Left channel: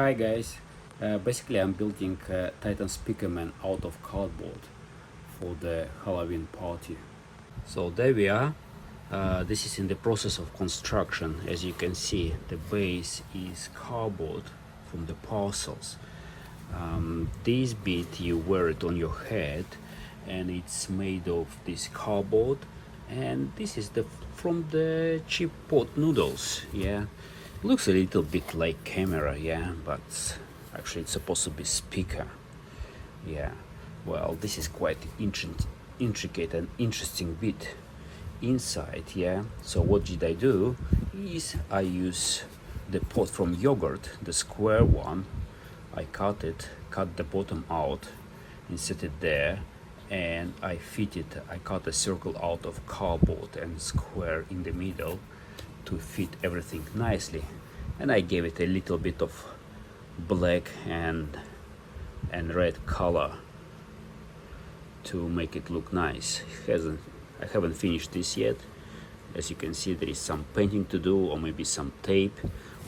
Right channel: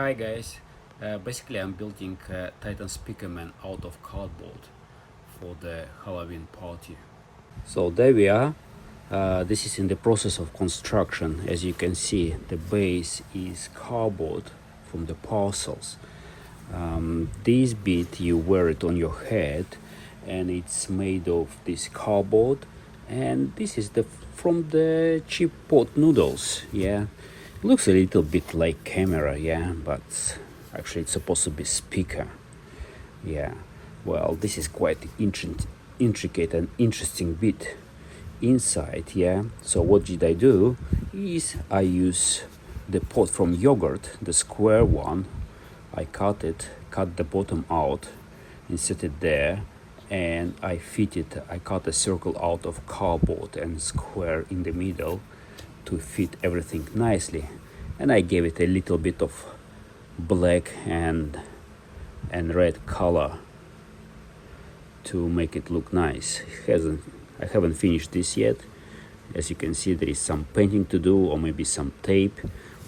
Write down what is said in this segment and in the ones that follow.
Hi guys, basically I'm building Titan Speakerman out of cardboard for the Halloween party. So there we are. This is in the process of construction. As you can see, the base is cardboard from the parcels. This bit you wear it on your head and it's made of this cardboard, and this is the from the cheap pot noodles. Yeah, looks a little bit like camera, yeah, but actually it's supposed to be speaker. Yeah, well, this is quite intricate and interesting bit inside. Yeah, so what did I do is I use the pot from yogurt, the square one. I cut the bottom out and set it there, and I cut a circle out of cardboard and square in the middle to fit everything nicely, and I gave it a little bit of black and red color to make it look nice. I haven't finished this yet. As you can see, there is some painting to do, or maybe some tape.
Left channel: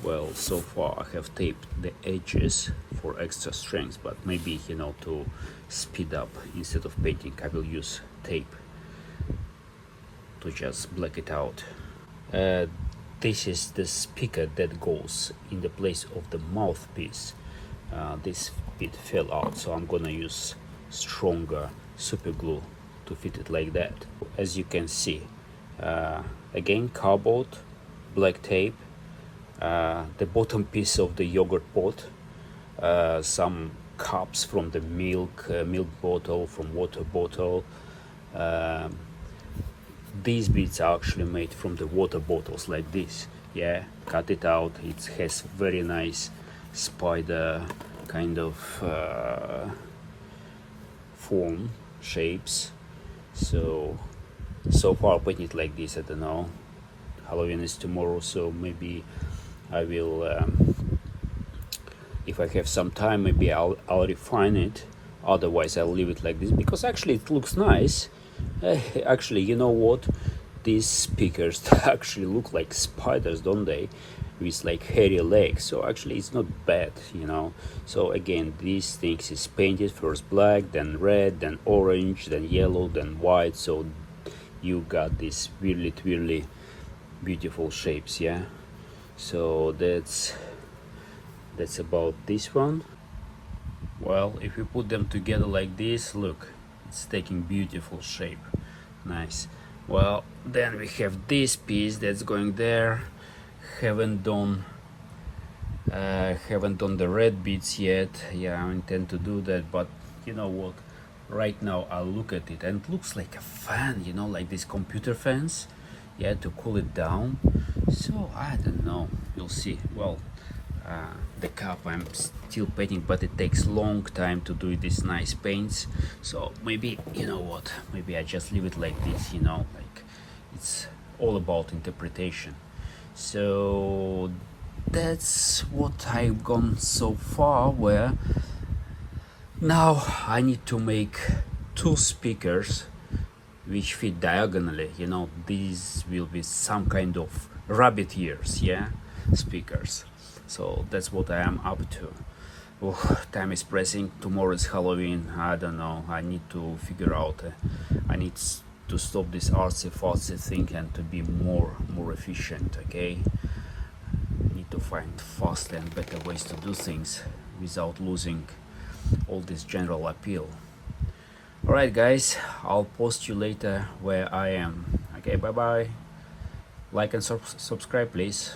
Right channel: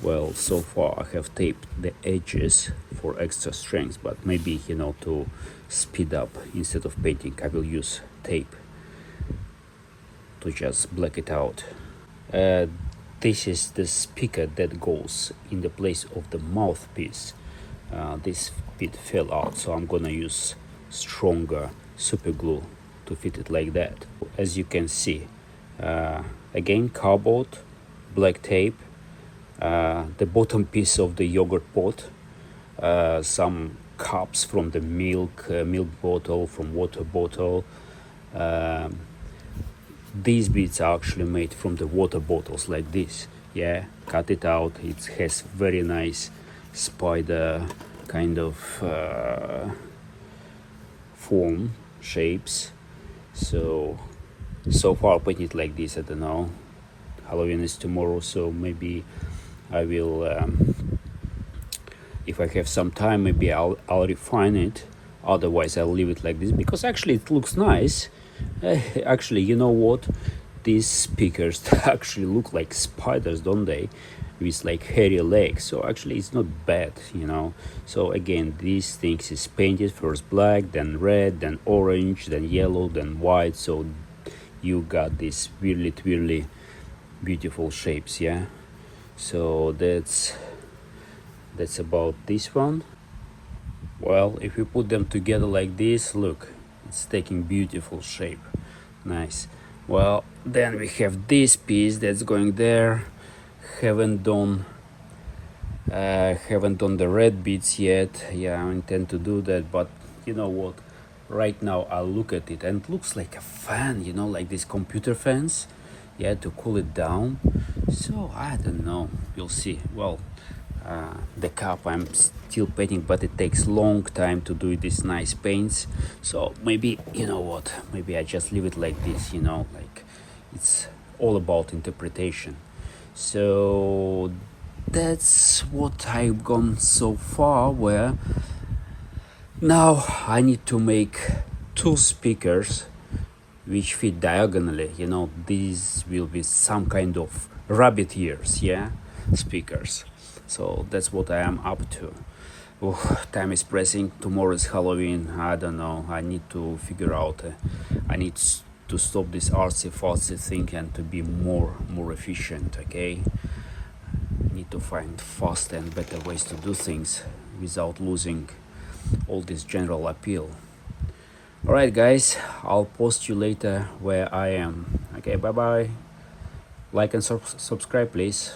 Well, so far I have taped the edges for extra strength, but maybe, to speed up, instead of painting, I will use tape to just black it out. This is the speaker that goes in the place of the mouthpiece. This bit fell out, so I'm gonna use stronger super glue to fit it like that. As you can see, again, cardboard, black tape, the bottom piece of the yogurt pot, some cups from the milk bottle, from water bottle. These bits are actually made from the water bottles like this. Yeah, cut it out. It has very nice spider kind of form shapes. So far I put it like this. I don't know, Halloween is tomorrow, so maybe I will, if I have some time, maybe I'll refine it. Otherwise I'll leave it like this, because actually it looks nice. Actually, you know what, these speakers actually look like spiders, don't they, with like hairy legs? So actually it's not bad. So again, these things is painted first black, then red, then orange, then yellow, then white. So you got these really beautiful shapes. Yeah, so that's about this one. Well, if you put them together like this, look, it's taking beautiful shape. Nice. Well, then we have this piece that's going there. Haven't done the red bits yet. Yeah, I intend to do that, but you know what, right now I look at it and it looks like a fan, like these computer fans, yeah, to cool it down. So I don't know, we'll see. Well, the cup I'm still painting, but it takes long time to do these nice paints. So maybe, maybe I just leave it like this, like it's all about interpretation. So that's what I've gone so far, where now I need to make two speakers which fit diagonally. These will be some kind of rabbit ears, yeah, speakers. So that's what I am up to. Time is pressing. Tomorrow is Halloween. I don't know, I need to figure out, I need to stop this artsy-fartsy thing and to be more efficient. Okay, I need to find faster and better ways to do things without losing all this general appeal. All right guys, I'll post you later where I am. Okay, bye bye. Like and subscribe please.